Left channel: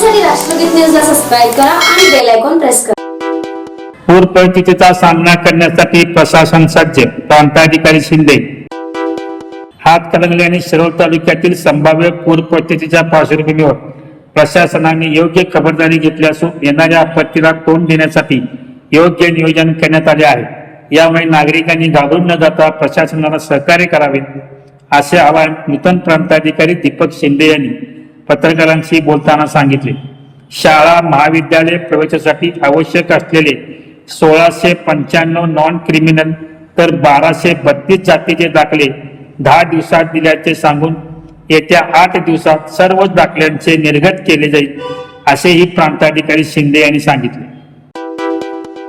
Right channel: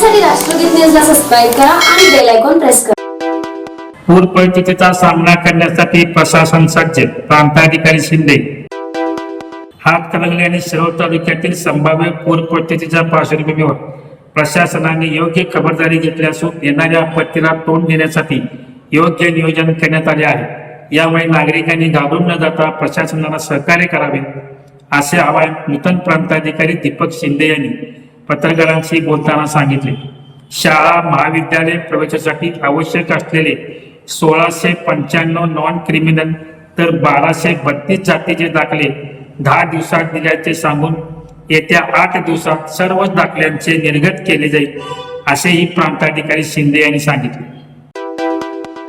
पाहण्यासाठी राष्ट्रगीत न्यूजला सबस्क्राईब करा आणि बेल आयकॉन प्रेस करा. पूर परिस्थितीचा सामना करण्यासाठी प्रशासन सज्ज प्रांताधिकारी शिंदे. हातकणंगले आणि शिरोळ तालुक्यातील संभाव्य पूर परिस्थितीच्या पार्श्वभूमीवर प्रशासनाने योग्य खबरदारी घेतली असून येणाऱ्या आपत्तीला तोंड देण्यासाठी योग्य नियोजन करण्यात आले आहे. यामुळे नागरिकांनी घाबरून न जाता प्रशासनाला सहकार्य करावे असे आवाहन नूतन प्रांताधिकारी दीपक शिंदे यांनी पत्रकारांशी बोलताना सांगितले. शाळा महाविद्यालय प्रवेशासाठी आवश्यक असलेले सोळाशे पंच्याण्णव नॉन क्रिमिनल तर बाराशे बत्तीस जातीचे दाखले दहा दिवसात दिल्याचे सांगून येत्या आठ दिवसात सर्वच दाखल्यांचे निर्गत केले जाईल असेही प्रांताधिकारी शिंदे यांनी सांगितले.